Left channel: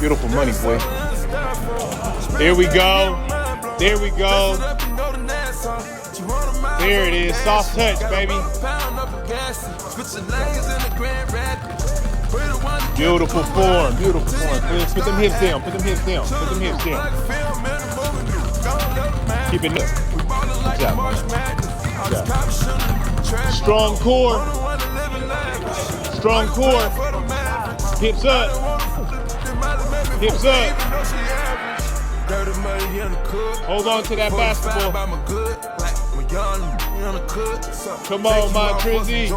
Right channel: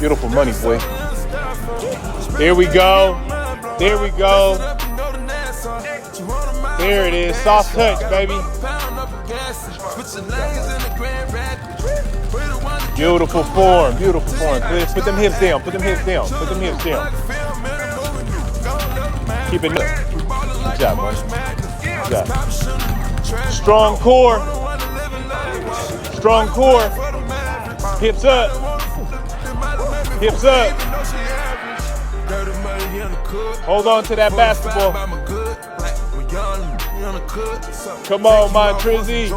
Beautiful money, boy. There we go. There we go. There it is. Soft touch, baby. Beautiful form. Beautiful form. Put them hips down. Put them hips down. Put them hips down. Keep it. Good job, man. Good job. Strong core. Strong core. Hips up. Hips up. Hold on to that basketball. Come on, my Trizzy.